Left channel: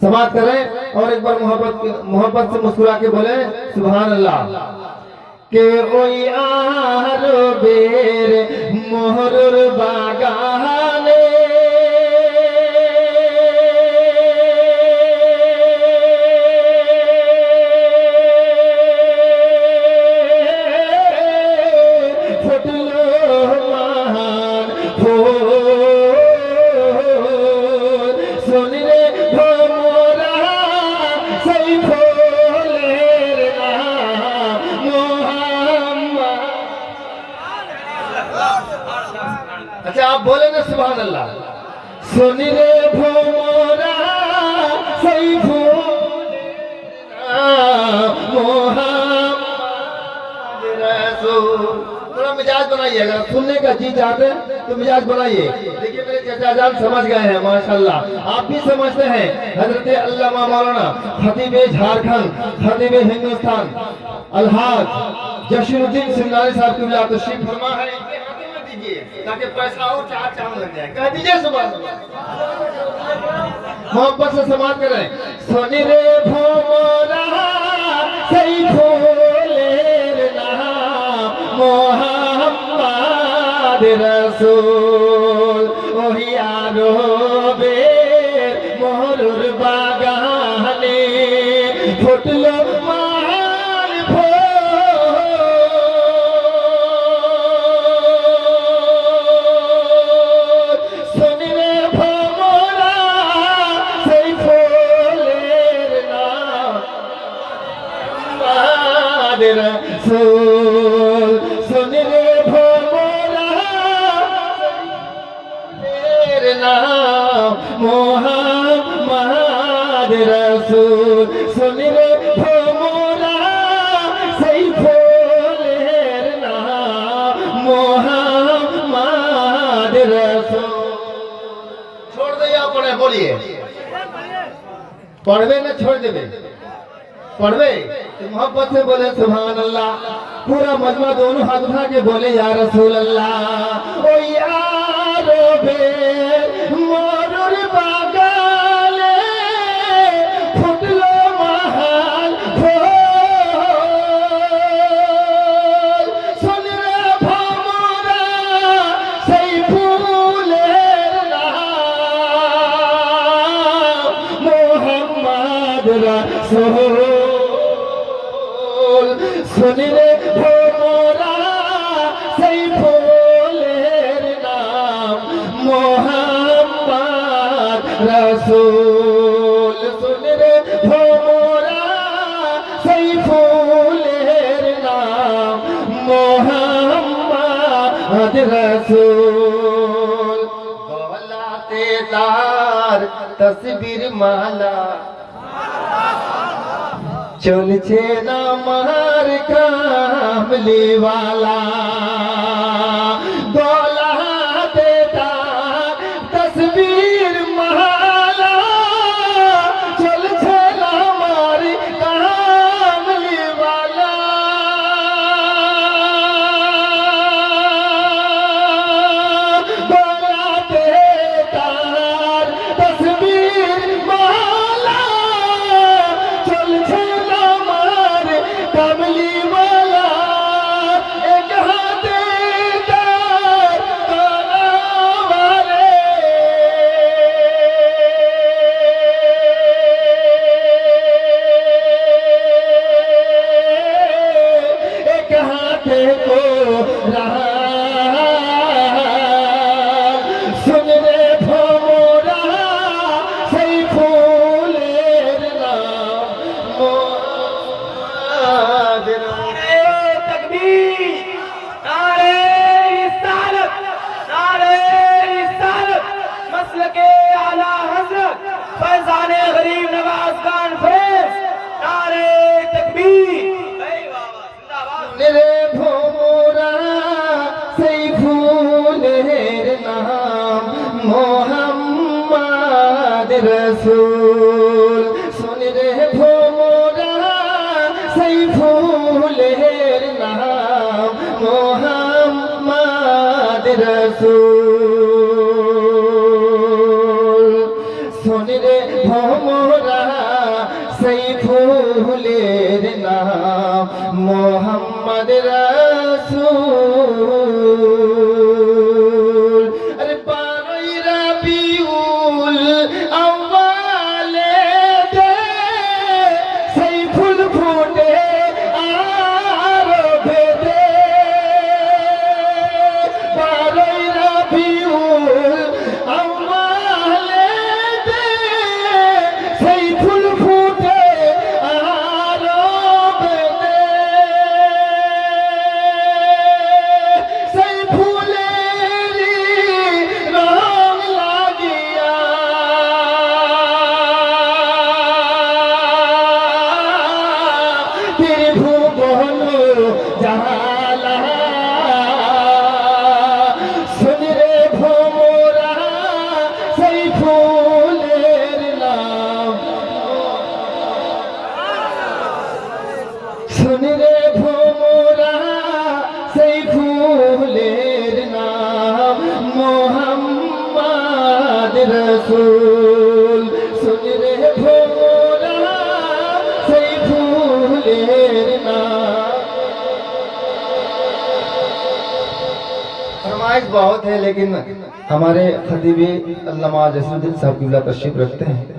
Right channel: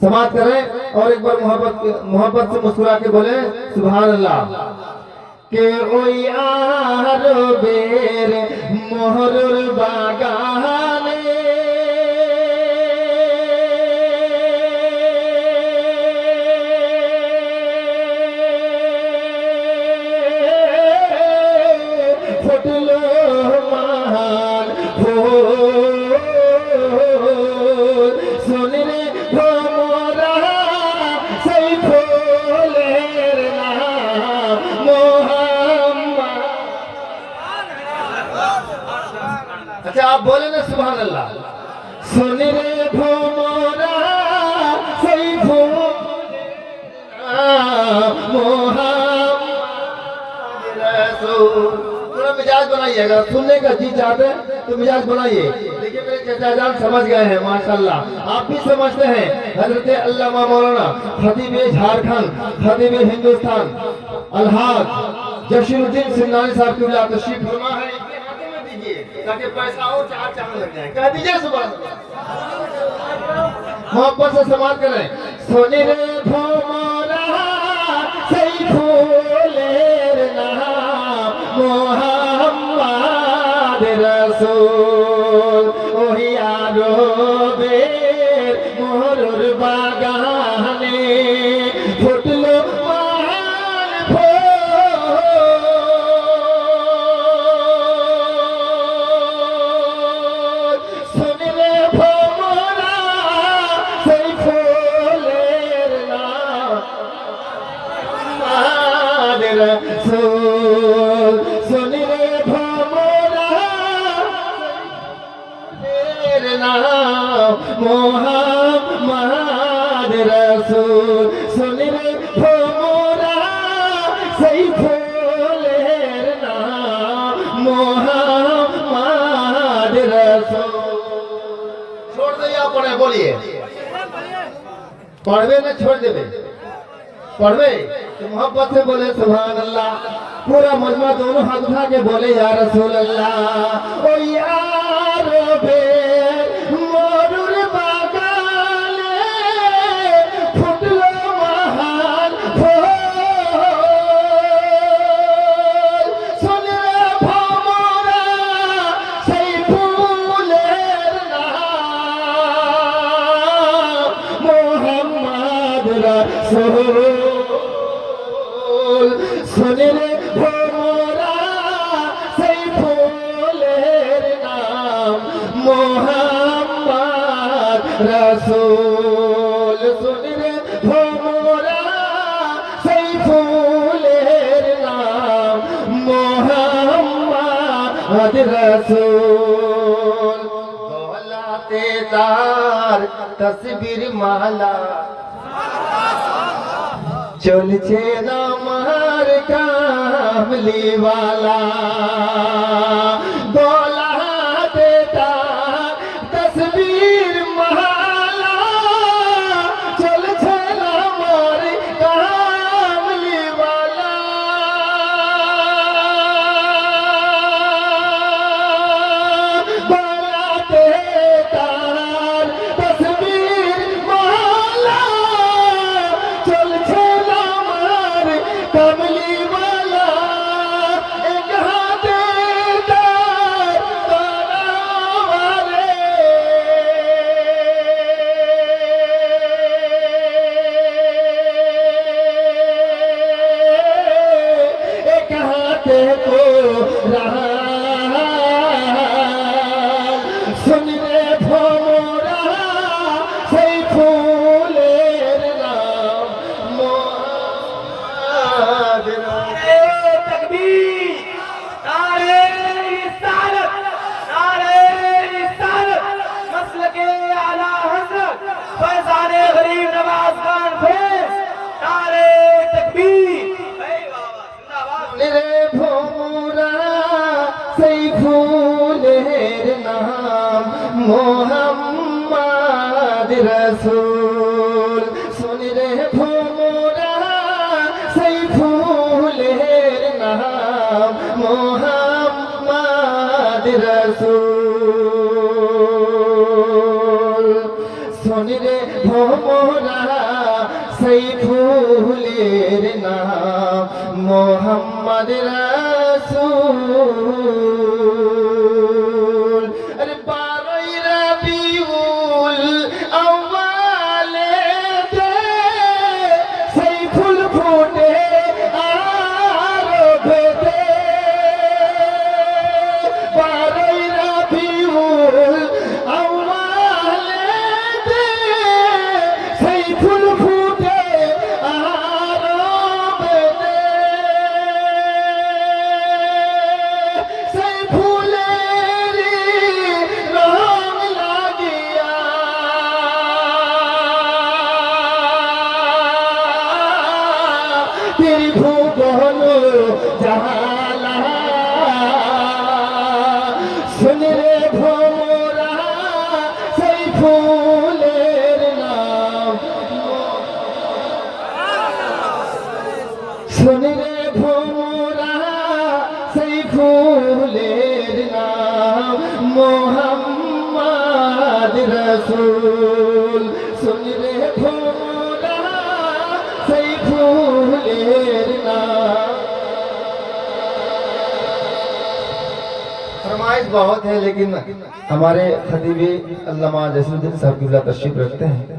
समाप्त करें और एक बार मोहब्बत से मुस्कुरा के बोले सुभान अल्लाह। के ओ यार बेर मोहरुर बागाने फुटलो महान फूल सुन रे भमरा सही फूलेर नाम मोहम्मद। अच्छा आप बोले ना सुभान अल्लाह। सुन रे भमरा सही फूलेर नाम मोहम्मद रसूल। मिजाज बनाइएगा, सुनने का जी चाहते हैं तो मिजाज बनाइए। देखिए मेरे चाचा जान समझ गए हैं माशाल्लाह, आप भी समझते हैं। हजरत अल्लामा मौलाना खतीब झारखंड खतीब हिंदुस्तान अलहाज जशीरुद्दीन सिंगानी साहब की तशरीफ फरमा है, इनके हाथों में दीजिए ताकि पैसा और चार चांद लग जाए। कह दीजिए सुभान अल्लाह। मोहब्बत से समाप्त करें। सोनी रे भोमोरा सही फूलेर नाम मोहम्मद रसूल। ओही आरो बेर मोहरुर बागाने फुटलो महान फूल सुनिले भमरा सही फूलेर नाम मोहम्मद रसूल। सुनिले भमरा सही नाम मोहम्मद रसूल। सुन रे भमरा सही फूलेर नाम मोहम्मद रसूल। छोड़ दे या पढ़े बोलिए, पढ़वे ना छोड़ देवे, पढ़वे तो मोहब्बत से बोले सुभान अल्लाह। पूरा मजमा दोनों हाथ उठा के बोले या रसूल अल्लाह। ओ यार बे मोरुर बागाले फुटलो महान फूल सुन रे भमरा सही फूलेर नाम मोहम्मद रसूल। सुन रे भमरा सही फूलेर नाम मोहम्मद रसूल। सुन रे भमरा सही फूलेर नाम मोहम्मद रसूल। गलाते तार तस्वीर माला চলছে না আমার কামলিওয়ালা। গলাতে তার তসবির মালা চলছে না আমার কামলিওয়ালা। গলাতে তার তসবির মালা চলছে को रहा। सुन रे भमरा सही फूलेर नाम मोहम्मद रसूल। तकबीर नारे रिसालत नारे रिसालत मसलके आला हजरत फैजाने गरीब नवाज खान फैज नारे तकबीर। मेरे भमरा মোরা সাইফুলের নাম মোহাম্মদ রাসূল। আরে 12ই রবিউল আউয়ালে সাইফুল ফুটে আরবেতে, 12ই রবিউল আউয়ালে সাইফুল ফুটে আরবেতে, সাইফুলেরই রং লাগিয়া ত্রিভুবন জালা। শুনি রে ভোরা সাইফুলের নাম, শুনি রে ভোরা সাইফুলের নাম মোহাম্মদ রাসূল। শুনি রে ভোরা সাইফুলের नाम। फरमाइश बहुत है, लेकिन हमारे खतीब अल्लामा जैसुद्दीन साहब क़िबला तशरीफ रखते हैं।